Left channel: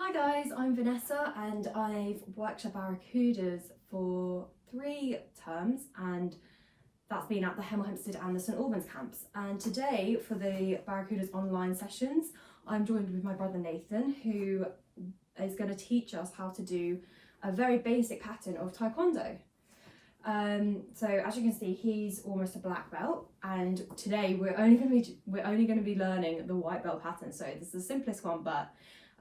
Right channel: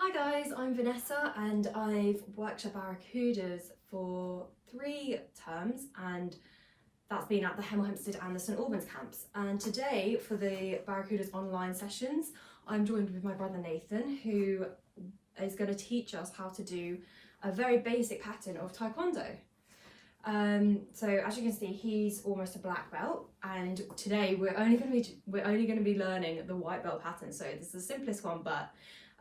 Hi guys, I'm Vanessa and I've worked at Barracudas for 3 terms, and that's been at the Hemel Hempstead and the St Albans camps. And today for the Barracudas online sessions, I'm joined with my brother Nathan, who is going to teach us how to do a very basic pattern of Taekwondo. So as you can see, he's almost a black belt, and today we're only going to be learning the white belt pattern. So this is the simplest one, but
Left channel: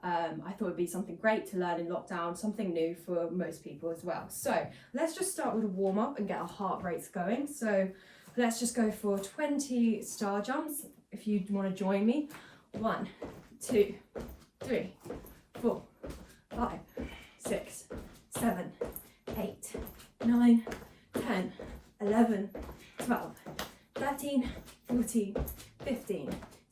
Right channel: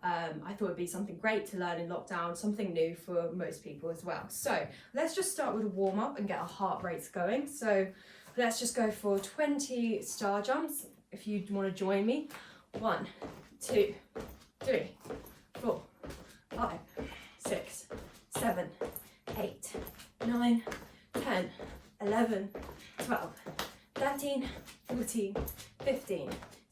I thought it'd be something great to learn in lockdown, something new for most people as well. So let's just start with a warm up and get our heart rates going. So let's just go for 20 star jumps if you want to join me. 1, 2, 3, 4, 5, 6, 7, 8, 9, 10, 11, 12, 13, 14, 15,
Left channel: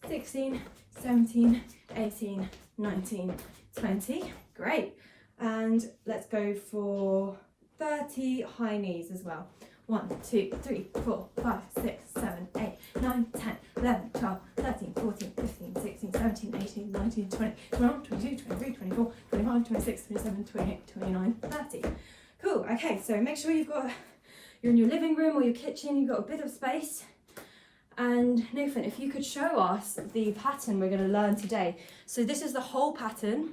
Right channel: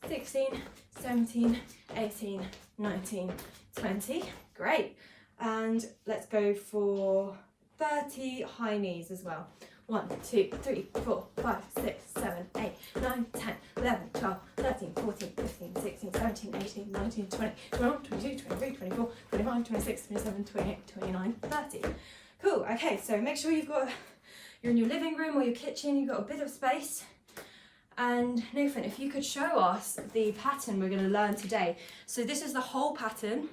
16, 17, 18, 19, 20. Great. And let's go for 30 high knees as well. 1, 2, 3, 4, 5, 6, 7, 8, 9, 10, 11, 12, 13, 14, 15, 16, 17, 18, 19, 20, 21, 22, 23, 24, 25, 26, 27, 28, 29, 30. Cool. Okay, so make sure you're in your living room or your kitchen, you've got a bit of space. And Nathan, if you could show us the pattern we're going to learn today. So this is the whole pattern,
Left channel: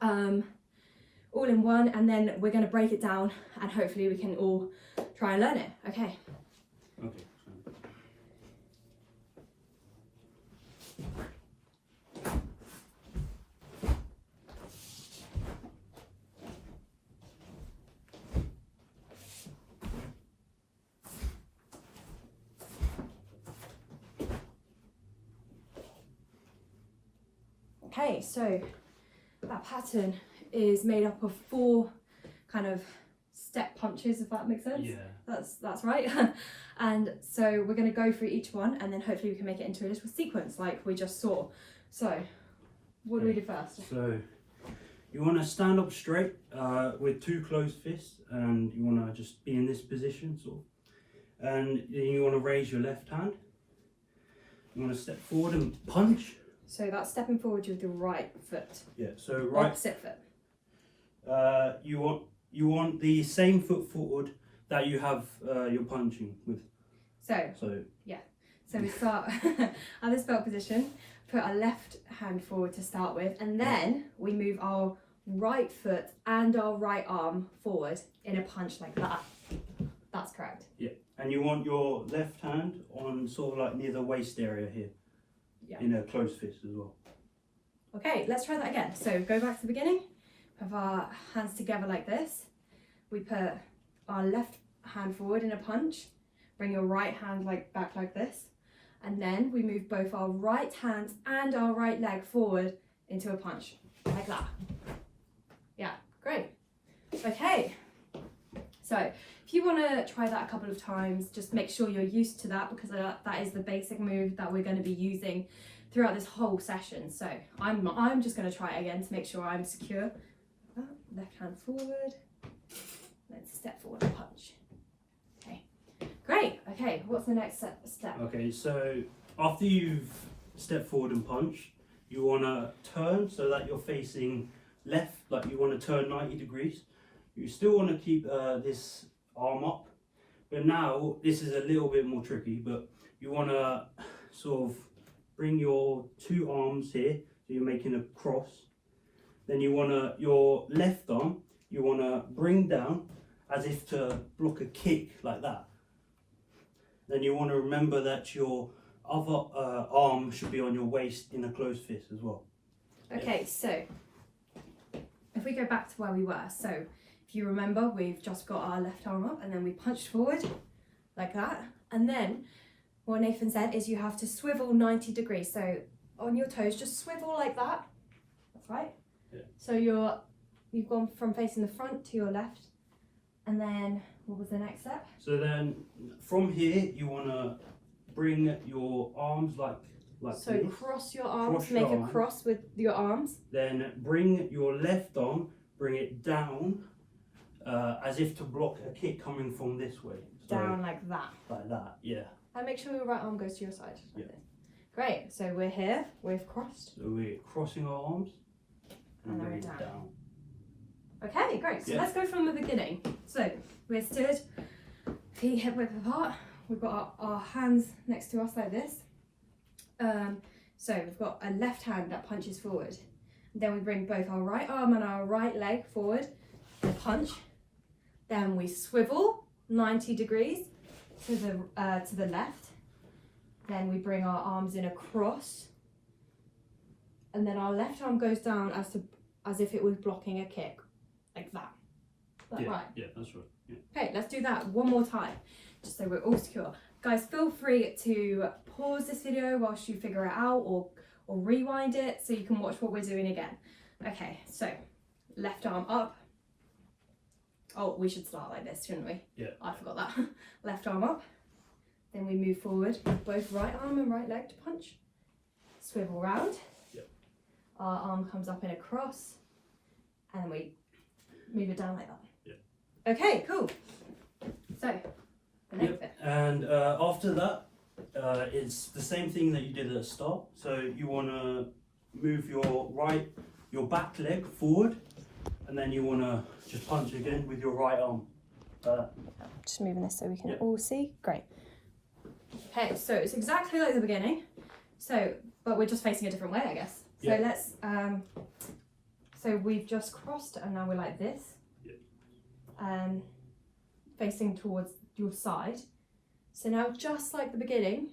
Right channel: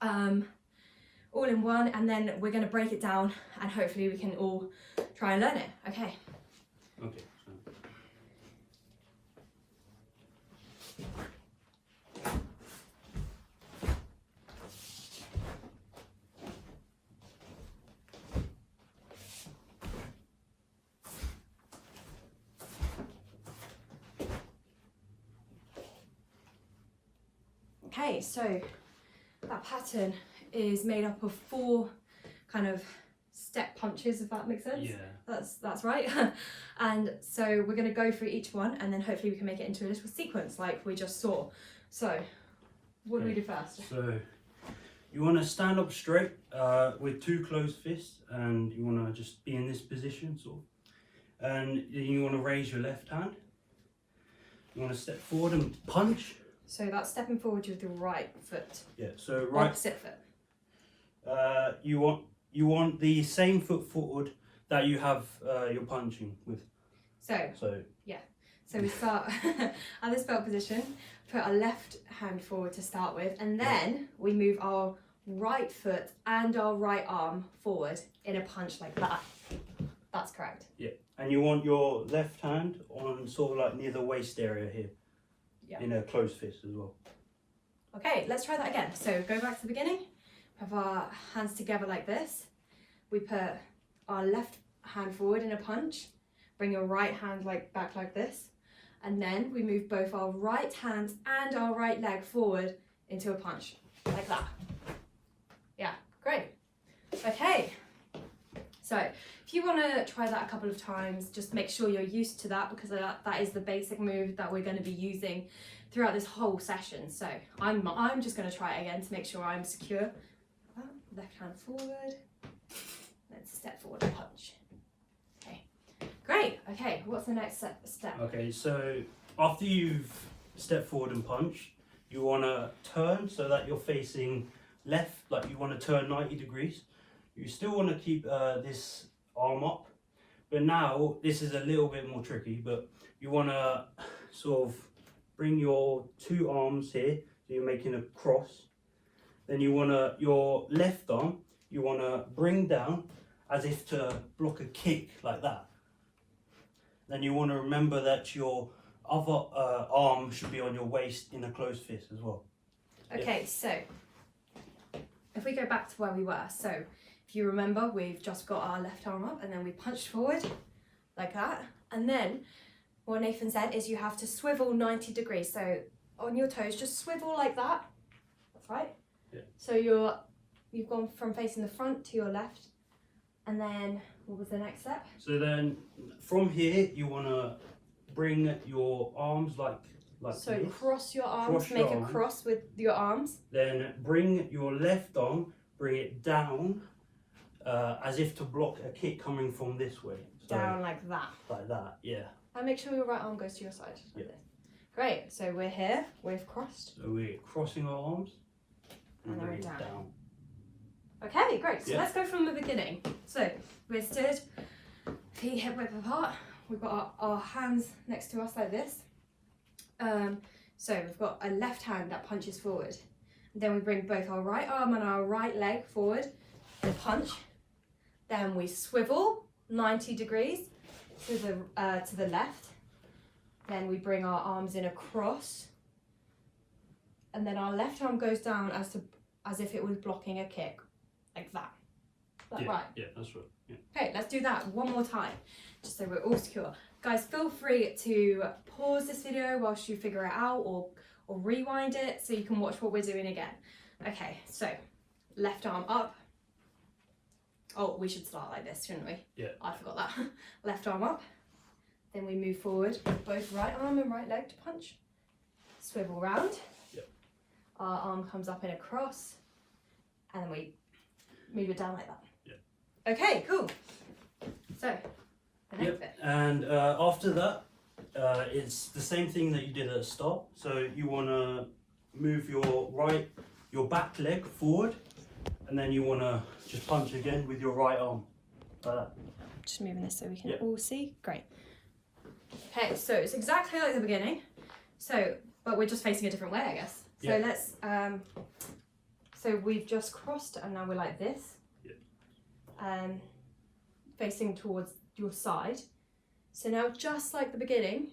all in one, and then we're going to break it down and hopefully we can all try and learn it. Okay. Okay. Okay, so that pattern is made up of 4 kind of step punches, if that makes sense. Yeah. That's right. And so we're going to go through each one and then hopefully we can make it into a little sequence like we just saw. So what do we do first? So you want to stand up straight with 2 closed fists, and you want to just be in this position, sort of. And then you want to raise your left hand. You want to step forward and punch. So that's stepping forward with your right foot. Yeah. So right. Opposite foot. You want the same foot forward that you have your punching with. So yeah. So we start at this belt position. Put our left hand forward to start with, and then we move our right foot and our right arm forward in a punch like that. That's correct. Yeah. And you want your left hand on sort of like near the waist area here. Yeah. In a closed fist as well. Okay, let's try that again. So go back to the beginning. Have our hands together like this. We put our left hand forward in a punch. Bring your right hand back like this. And then we move both our right hands and our right leg forward into a punch like that. Yeah, great. Okay. So if you want to try that a couple of times, just make sure you're used to that, because that is the basic move that we're going to be using throughout this whole session. So I'm just going to try it again to make sure I'm secure. Left hand forward, then step forward and punch. Okay, great. Okay, what's the next step? Okay, so after you've stepped forward and punched, you want to turn so that you're facing left, like you want to turn 90 degrees. You still want to keep this arm up, but now this is a little bit more tricky, but you want to sort of bring your 2 arms here, so you're making a cross. Then you want to, your left arm, you want to bring down as if to block a kick like that. Then you want to remember that your other arm should be on your waist in a closed fist as well. Okay, so if we go back to where we were, so if you remember, we've just got our left arm up and then we punched forward like that. And then what Nathan said is you have to swivel 90 degrees. So on your toes, just swivel like that. That's right. Yeah. So you've gone from facing the front to your left. And then what was the next step? So then from here, you want to bring your arms like so this. Cross your arms, Cross make your a arms. cross with your arms. Then bring your left arm, bring it down as if to block a kick coming from this way. So, Down like that. like that, yeah. And make sure your right arm goes to your side. Like Yeah. this. Great, so we're here, we've crossed. So we're crossing our arms and then we're down. Okay, great. So let's go from the beginning. So we're stood, feet hip width apart. We've got our hands next to us like this. So we've got a left hand that punches forward. Then we bring both our right arm and our right leg forward in a punch. Then we swivel 90 degrees to the left. Then we bring our arms in across. And then our left arm goes down as if it was blocking a kick, like that. Is that right? Yeah, that's right. Yeah. Okay, let's do that one more time, just so we're all secure. Guys, feel free to pause this video whilst you figure it out, or rewind it so you can watch what we're doing again. Okay, so left arm up. Oh, we should start like this, shouldn't we? Yeah. I forgot that. Left arm up. Then we move forward with both right arm and right leg to punch. Swivel round. Yep. Our arm comes up in a cross, and then we move it down like that. Yeah. Okay, cool. So, the next bit. And after that, it's the same thing that you did at the start. So you want to move your back leg forward, and then you want to just punch again with your right arm. Just moving this so we can all see. Great. Okay, so it's exactly like the beginning. So, but we're just facing a different way, I guess. So let's. So we've just crossed, and now we're like this. Facing towards your side. So now, just like the beginning,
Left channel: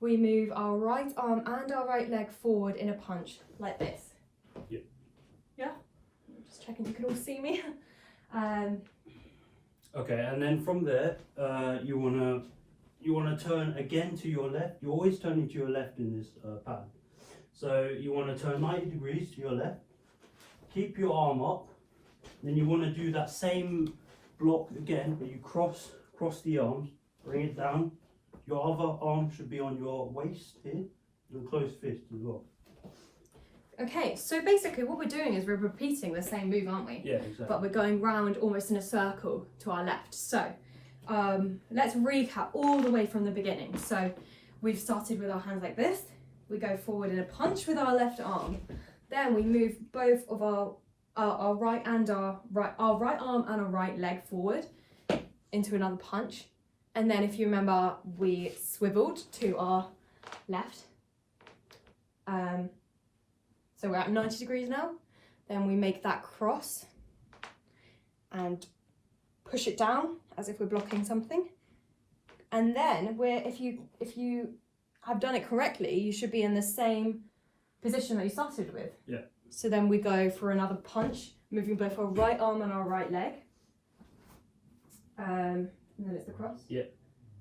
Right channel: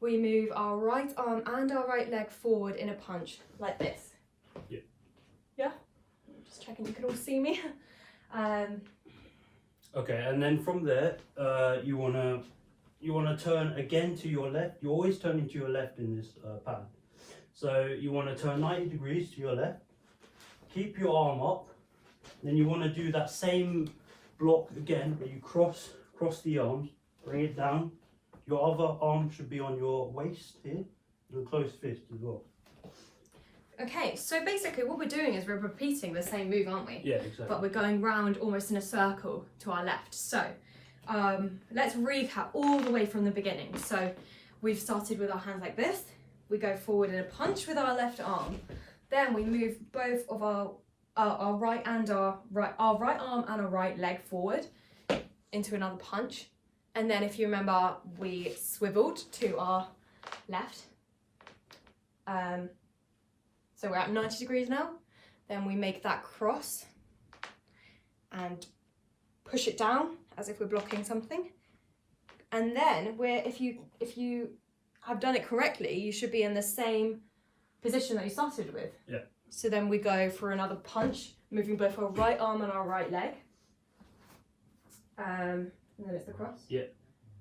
we move our right arm and our right leg forward in a punch, like this. Yeah. Yeah? Just checking you can all see me. Okay, and then from there, you wanna turn again to your left. You're always turning to your left in this pattern. So you want to turn 90 degrees to your left. Keep your arm up. Then you want to do that same block again, but you cross the arms, bring it down. Your other arm should be on your waist here, your closed fist as well. Okay, so basically what we're doing is we're repeating the same move, aren't we? Yeah, exactly. But we're going round almost in a circle to our left. So let's recap all the way from the beginning. So we've started with our hands like this. We go forward in a punch with our left arm. Then we move both of our right arm and our right leg forward into another punch. And then if you remember, we swiveled to our left. So we're at 90 degrees now. Then we make that cross and push it down as if we're blocking something. And then if you have done it correctly, you should be in the same position that you started with. Yeah. So then we go for another punch, moving both our right arm and our right leg. And then it's the cross. Yeah.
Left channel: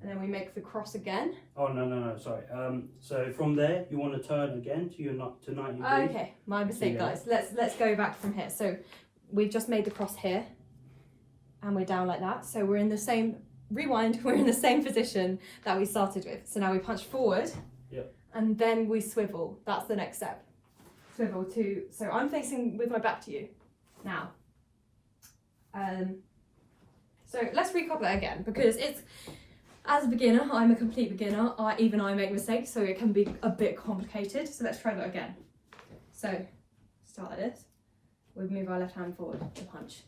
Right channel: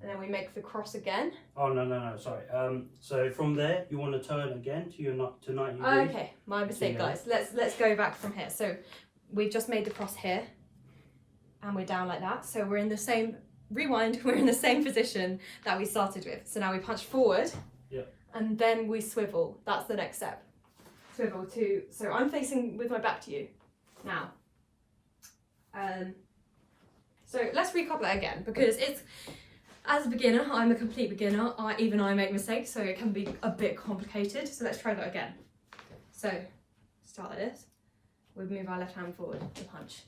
And then we make the cross again. Oh no, sorry. So from there, you want to turn again to 90 degrees. Okay, my mistake, guys. Let's go back from here. So we've just made the cross here, and we're down like that. So we're in the same rewind. We're in the same position that we started with. So now we punch forward. Yep. And then we swivel. That's the next step. Swivel to. So I'm facing with my back to you now. So let's recap that again, because it's. As a beginner, I'm a complete beginner. Even I make mistakes, so it can be a bit complicated. So let's try that again. So start like this. We move our left hand forward to punch.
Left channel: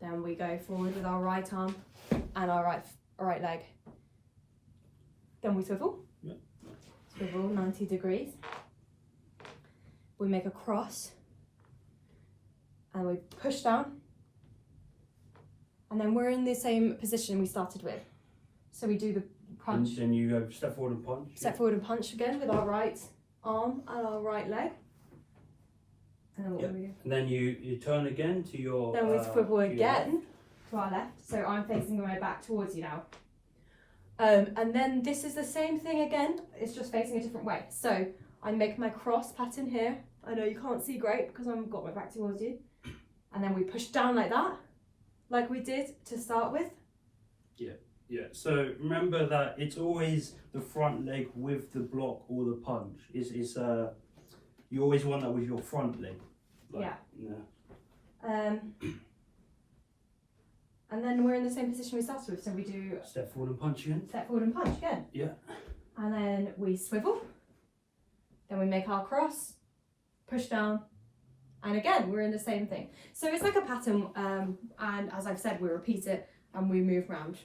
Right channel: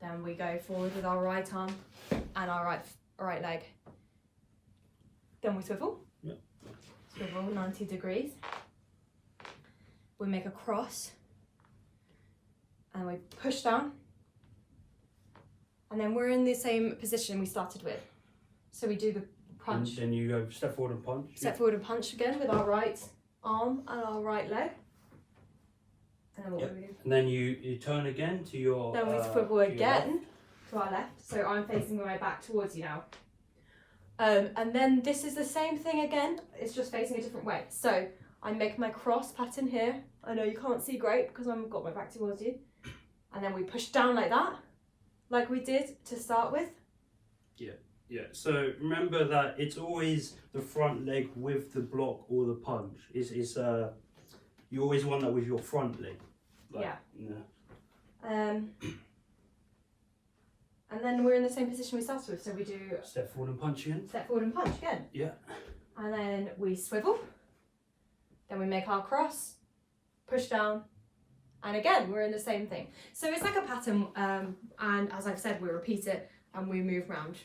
Then we go forward with our right arm and our right leg. Then we swivel. Yep. Swivel 90 degrees. We make a cross. And we push down. And then we're in the same position we started with. So we do the punch. And then you go step forward and punch. Step forward and punch again with our right arm and our right leg. And then what do we do? And then you turn again to your. Then we swivel again to our left. So I'm facing my back towards you now. And then this is the same thing again. It's just facing a different way. So I make my cross pattern here. I know you can't see great because I've got my back towards you. And then we push down like that, like we did to start with. Yeah. Yeah, so remember that it's always the front leg with the block or the punch. You always want that with your front leg. And then we're in the same position we started with. So we do step forward and punch again. Step forward and punch again. Yeah. And then we swivel. Then we make our cross, push down, And again, we're in the same thing. So it's like a pattern, and as I've said, we repeat it and we move around.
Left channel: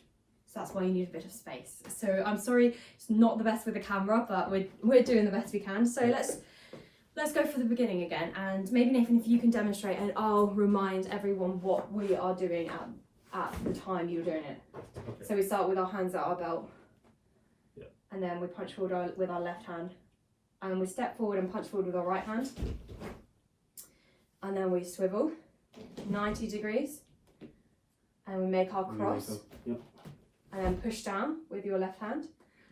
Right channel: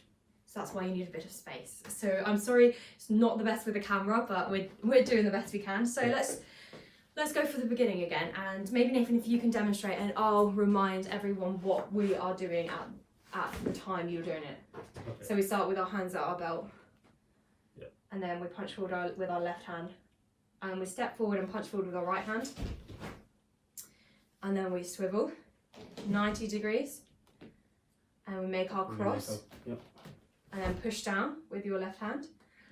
So that's why you need a bit of space. So I'm sorry, it's not the best with the camera, but we're doing the best we can. So let's go for the beginning again. And maybe Nathan, if you can demonstrate, and I'll remind everyone what we are doing at the time you're doing it. Okay. So we start with our hands at our belt. Yeah. And then we punch forward with our left hand. And we step forward and punch forward with our right hand. And then we swivel 90 degrees. And we make our cross. Yep. And then push down with your left hand.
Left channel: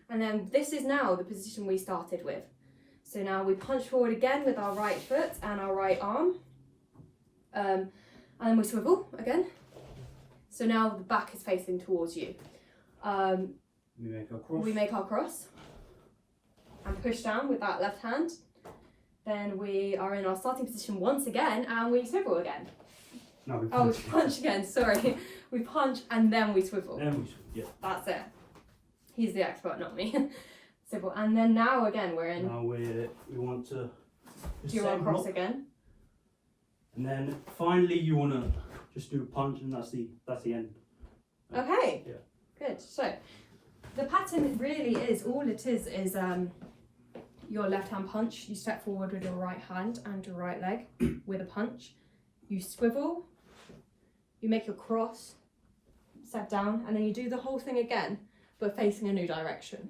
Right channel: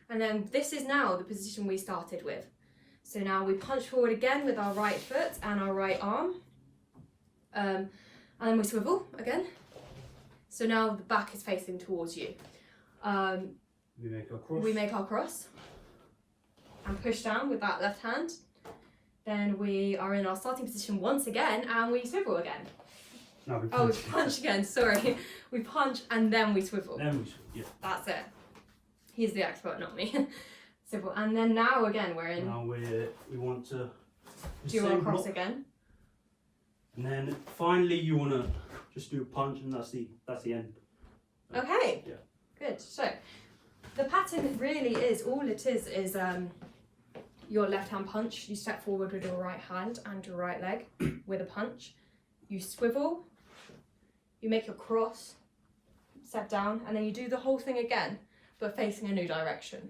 And then this is now the position we started with. So now we punch forward again with our right foot and our right arm. And then we swivel again. So now the back is facing towards you. We make our cross. We make our cross. And push down with that left hand. Then we are in our starting position once again and we swivel again. No, we Oh, we punch. punch again, sorry. We punch and then we swivel. Then we swivel, yeah. That's it. He's the expert, not me. Swivel. And then now again we're in. Now we want to Do you want to cross block. again? And then finally you want to just do a punch, and that's the end. Okay. Yeah. Good. So the pattern really is, all it is your left hand punch. You step forward with your right hand and your right leg with a punch. You swivel. You make your cross. Step down, and then you do the whole thing again, but facing a new direction.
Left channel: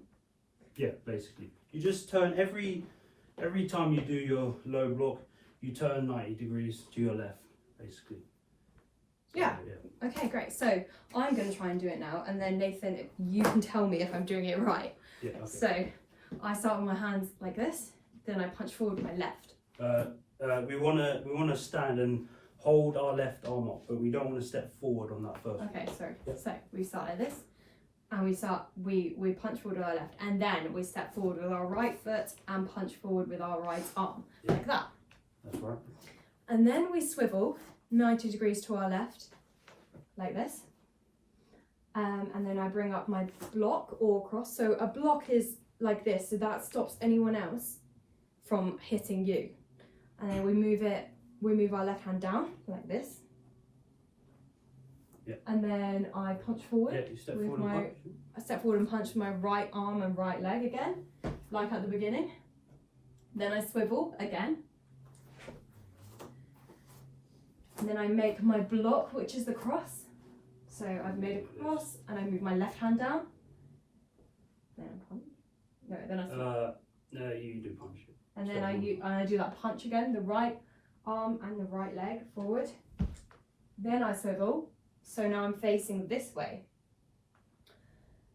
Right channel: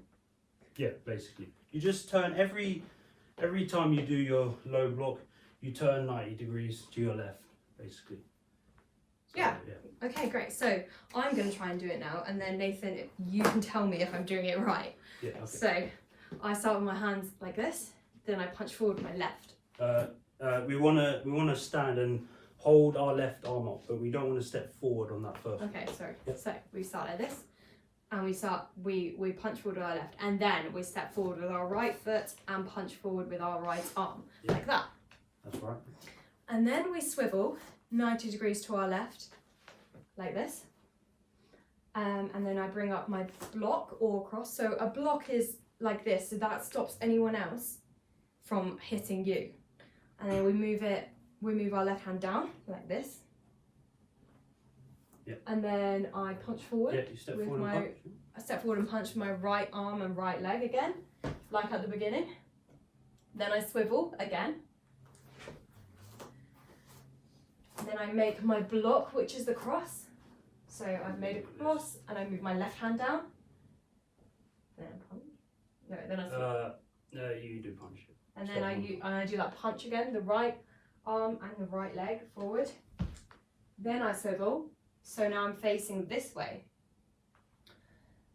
Yeah, basically. You just turn every time you do your low block, you turn 90 degrees to your left, basically. So, Yeah. Okay, great. So I'm going to try and do it now, and then Nathan, you can tell me if I'm doing it right. Yeah. Okay. So I start with my hands like this, then I punch forward with my left. We wanna stand and hold our left arm up, but we don't want to step forward on that first. Okay, sorry. Yeah. So we start like this, and we punch forward with our left, and then we step forward with our right foot and punch forward with our right arm, like that. That's right. And then we swivel 90 degrees to our left, like this. And then I bring up my block or cross. So a block is like this, so that stops anyone else from hitting you. And then we move our left hand down like this. Yep. And then I punch forward. Yeah, you step with forward and punch. I step forward and punch my right arm and right leg again, like at the beginning. Then I swivel again. And then I make my block, which is the cross. So I've made a cross and I move my left hand down. Then I punch. No, then I swivel. You do punch it. And then I do that punch again, the right arm and the right leg forward. Then I swivel. So now I'm facing this way.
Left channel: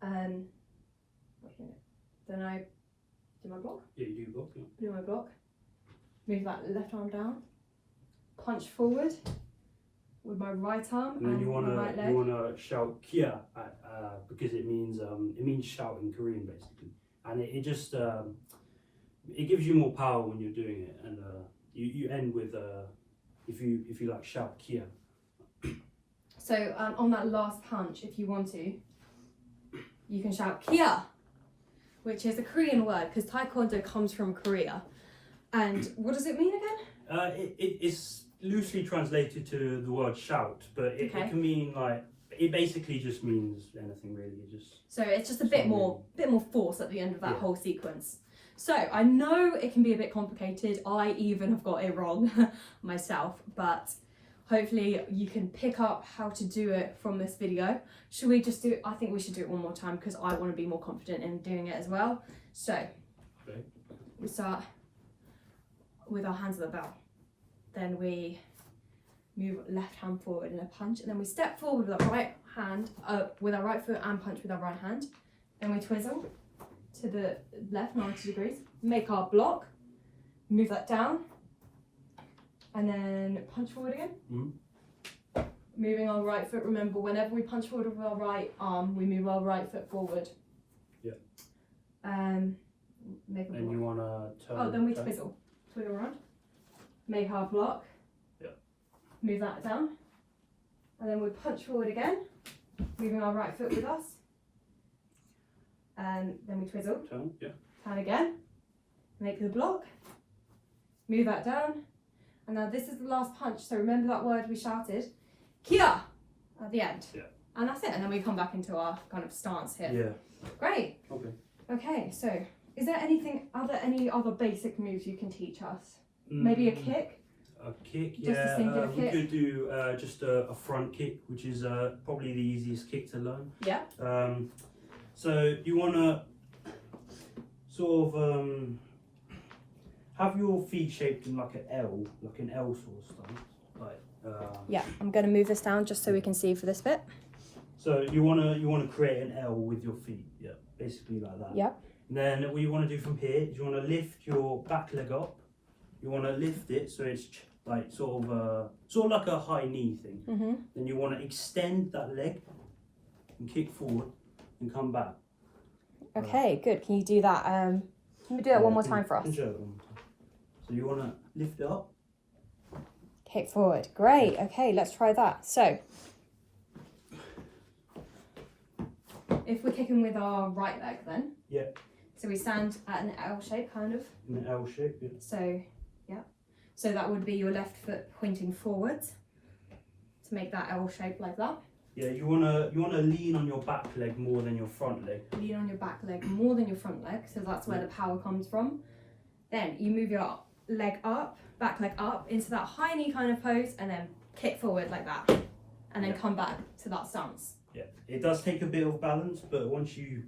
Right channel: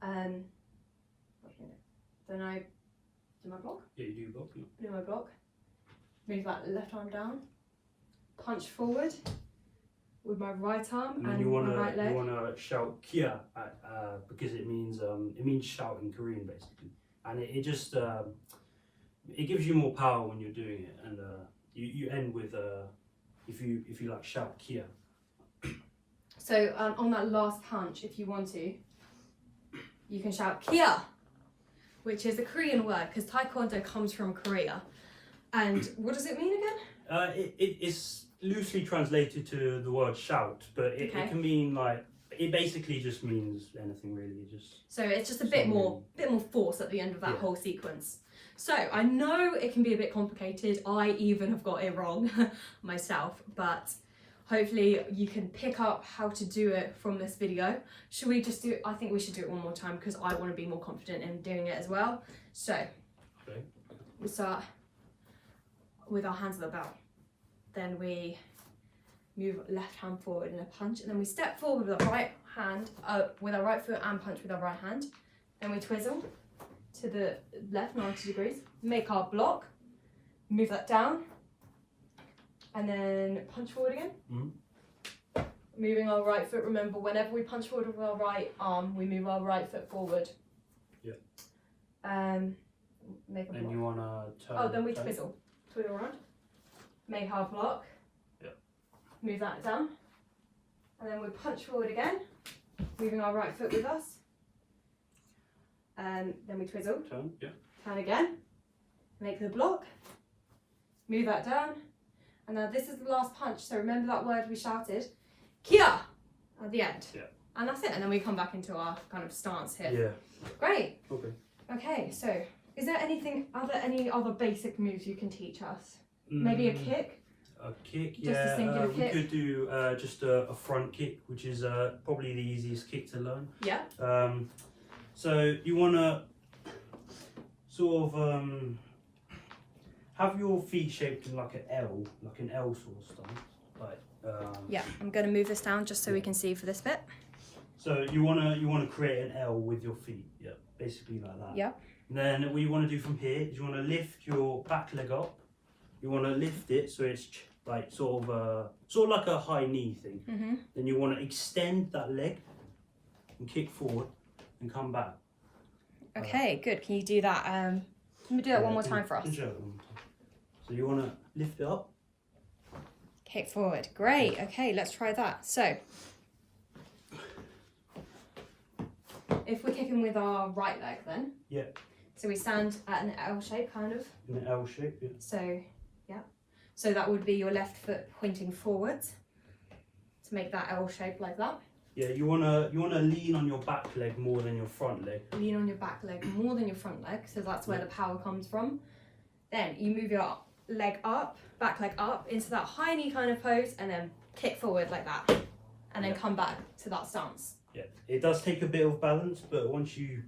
Then I do my block. Yeah, you do block. Yeah. Do my block. Move that left arm down. Punch forward with my right arm And then and you my right leg. wanna shout "kia" because it means shout in Korean basically, and it just it gives you more power when you're doing it, and you end with if you like shout "kia." So on that last punch, if you want to, you can shout "kia," which is a Korean word because Taekwondo comes from Korea. And what does it mean again? It's loosely translated to the word shout, but it can mean like, it basically just means anything really. So it's just a bit more force at the end of that Yeah. whole sequence. So I know it can be a bit complicated. I even have got it wrong myself, but hopefully you can pick up how to do it from this video. Should we just do it? I think we should do it one more time because I want to be more confident in doing it as well. So we start with our hands at the belt. Then we move left hand forward in a punch, and then we step forward with our right hand, with our right foot and punch with our right hand. Then we twizzle to the left 90 degrees, make our block, move that down, and then punch forward again. Mm-hmm. Moving our right foot, remember whenever we punch forward with our right arm, we move our right foot forward. Yeah. Make a block. And you want to turn. Oh, then we twizzle around, make our block, move that down, and then we punch forward again, moving our right foot with us, and then we twizzle, Turn again, make the block, move that down, And now this is the last punch. So remember that word we shouted, kia, at the end. Yeah. And that's it. And then we come back into our kind of stance here. Yeah. Great. Okay. Okay, so is there any other basic moves you can teach us? Maybe a kick? A kick, Just a singular we kick? could do just a front kick, which is probably the easiest kick to learn. Yeah. So you want to sort of have your feet shaped in like an L sort of stance. Yeah, I'm going to move this down just so we can see for this bit. So you want to create an L with your feet, yeah, basically like that. Yeah. And then what you want to do from here is you want to lift your back leg up. You want to lift it so it's like sort of like a high knee thing. Mm-hmm. Then you want to extend that leg and kick forward and come back. Okay, good. Can you do that? Can we do that one more time for us? Show it one more time. So you want to lift it up. Kick forward. Great. Okay, let's try that. So, if we're kicking with our right leg then. Yeah. So we stand at an L shape, kind of. In an L shape, yeah. So, yeah. So that would be your left foot pointing forwards to make that L shape like that. Yeah, you wanna lean on your back leg more than your front leg. Lean on your back leg more than your front leg, so that's where the power comes from. Then you move your leg up, back leg up into that high knee kind of pose, and then kick forward like that, and then come back to that stance. Yeah, it does take a bit of balance, but once you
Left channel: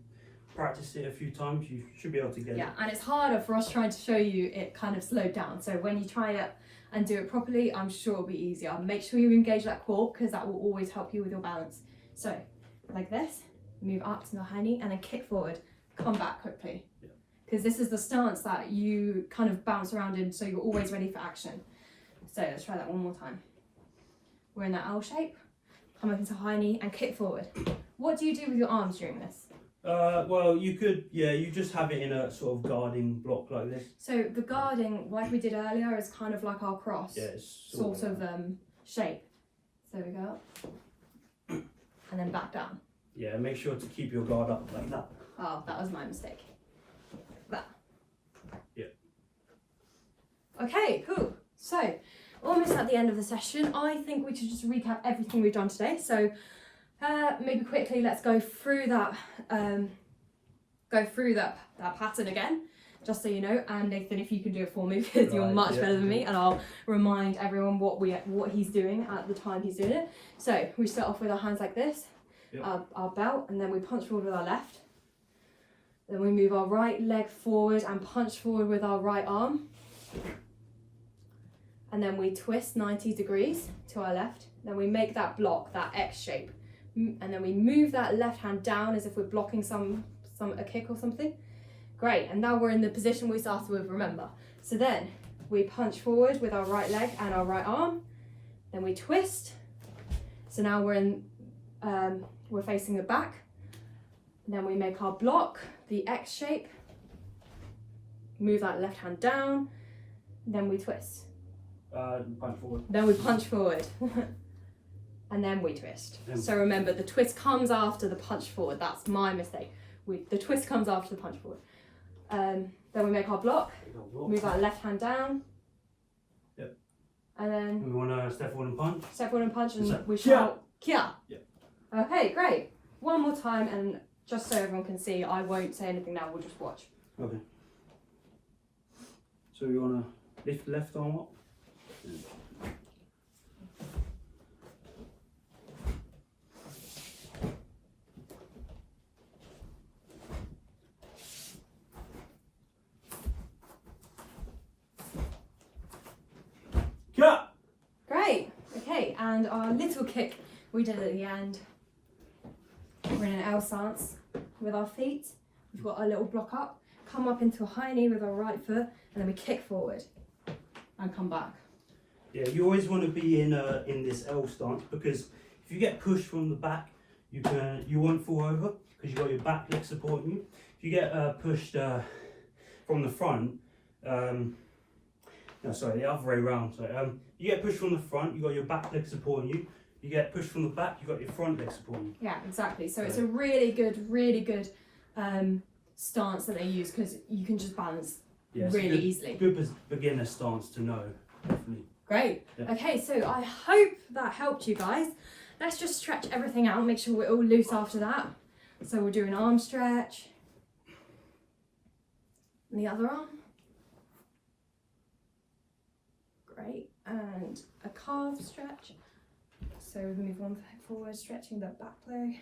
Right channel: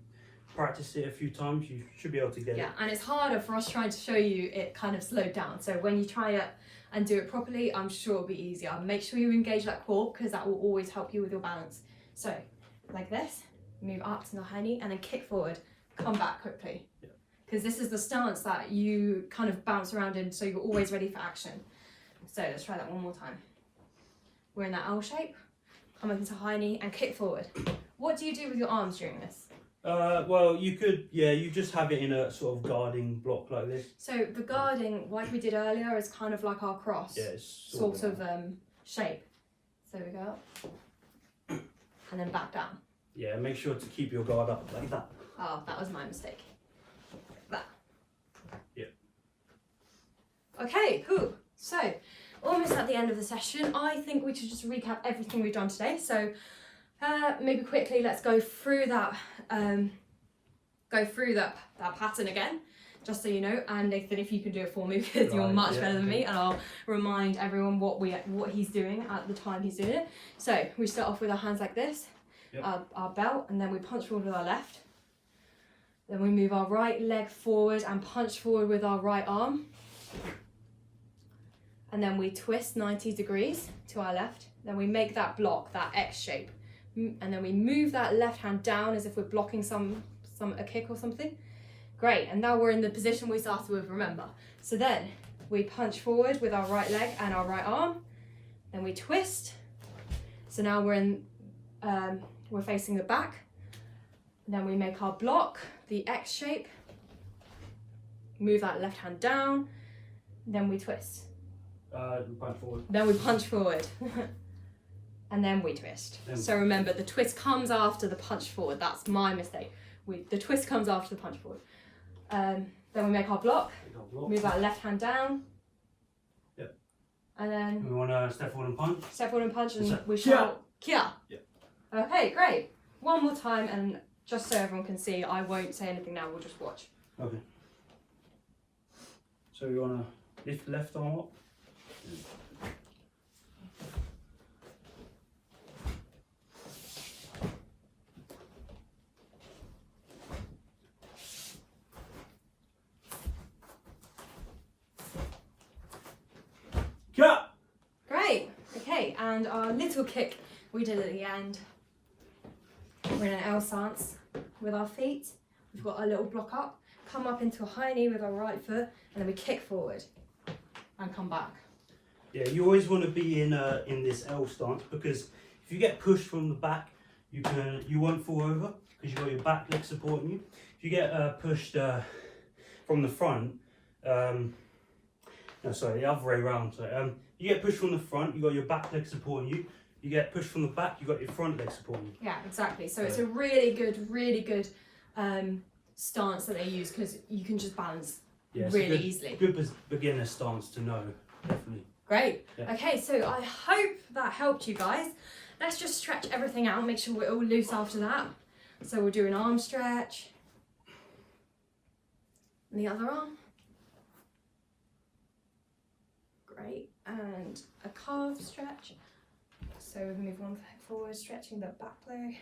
practice it a few times, you should be able to get it. Yeah, and it's harder for us trying to show you it kind of slowed down. So when you try it and do it properly, I'm sure it'll be easier. Make sure you engage that core because that will always help you with your balance. So like this, move up to the high knee and then kick forward, come back quickly. Because this is the stance that you kind of bounce around in, so you're always ready for action. So let's try that one more time. We're in that L shape, come up into high knee and kick forward. What do you do with your arms during this? Well, you could, you just have it in a sort of guarding block like this. So the guarding, like we did earlier, is kind of like our cross sort of shape. So we go up and then back down. Yeah, make sure to keep your guard up like that. Oh, that was my mistake. That. Yeah. Okay, cool. So, almost at the end of the session, I think we should just recap everything we've done today. So, maybe quickly, let's go through that pattern again, just so you know. And Nathan, if you can do it for me, because you're much better than me, and I'll remind everyone what he's doing at the time he's doing it. So we start off with our hands like this, our belt, and then we punch forward with our left. Then we move our right leg forward and punch forward with our right arm. And then we twist 90 degrees to our left. Then we make that block, that X shape. And then we move that left hand down as if we're blocking a kick or something. Great, and now we're in the position we started with, remember. So then we punch forward with our right leg and our right arm. Then we twist. So now we're facing the back. And then we make our block, the X shape. Move that left hand down. Then we twist. Punch forward. Then we punch forward. And then we twist. So remember, the twist comes after the punch forward. That's my mistake. The twist comes after the punch forward. Then we make our block. Move our left hand down. Yep. And then we want to step forward and punch. Step forward and punch, and we shout kia. Yep. Okay, great. One more time, and just so everyone can see, I won't say anything now. We'll just watch. Okay. So you want to lift the left arm up. Great. Okay, and our little kick we did at the end. We're in an L stance with our feet. We've got our little block up. Come up into a high knee with our right foot, and then we kick forward and come back. Yeah, you always want to be in this L stance, because if you get pushed from the back, you won't fall over because you've got your back leg supporting you. If you get pushed from the front, no, sorry, the other way around. So you get pushed from the front, you got your back leg supporting you. You get pushed from the back, you got your front leg supporting you. Yeah, exactly. So it's a really good stance that they use, because you can just balance really easily. Good beginner stance to know, definitely. Great. Yeah. Okay, so I hope that helped you guys. Let's just stretch everything out, make sure we're all loose after that. So we'll do an arm stretch. And the other arm. Great. And a calf stretch. So we move one leg forward, stretching the back leg.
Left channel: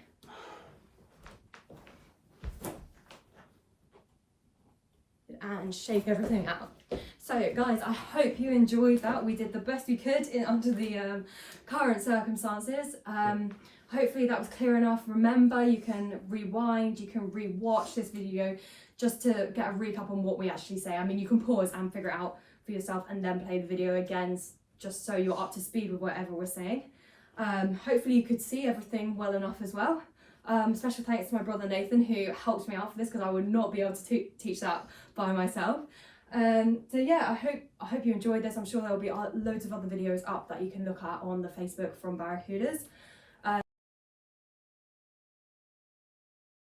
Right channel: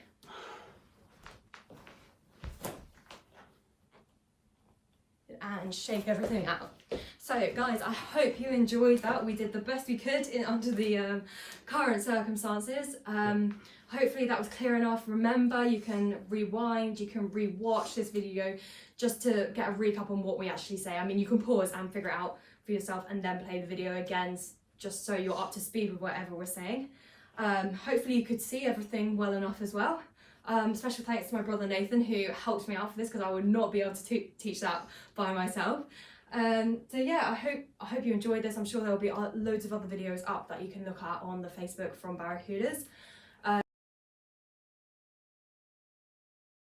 And shake everything out. So guys, I hope you enjoyed that. We did the best we could under the current circumstances. Hopefully that was clear enough. Remember, you can rewind, you can re-watch this video just to get a recap on what we actually say. I mean, you can pause and figure it out for yourself and then play the video again, just so you're up to speed with whatever we're saying. Hopefully you could see everything well enough as well. Special thanks to my brother Nathan, who helped me out for this, because I would not be able to teach that by myself. So yeah, I hope you enjoyed this. I'm sure there will be loads of other videos up that you can look at on the Facebook from Barracudas.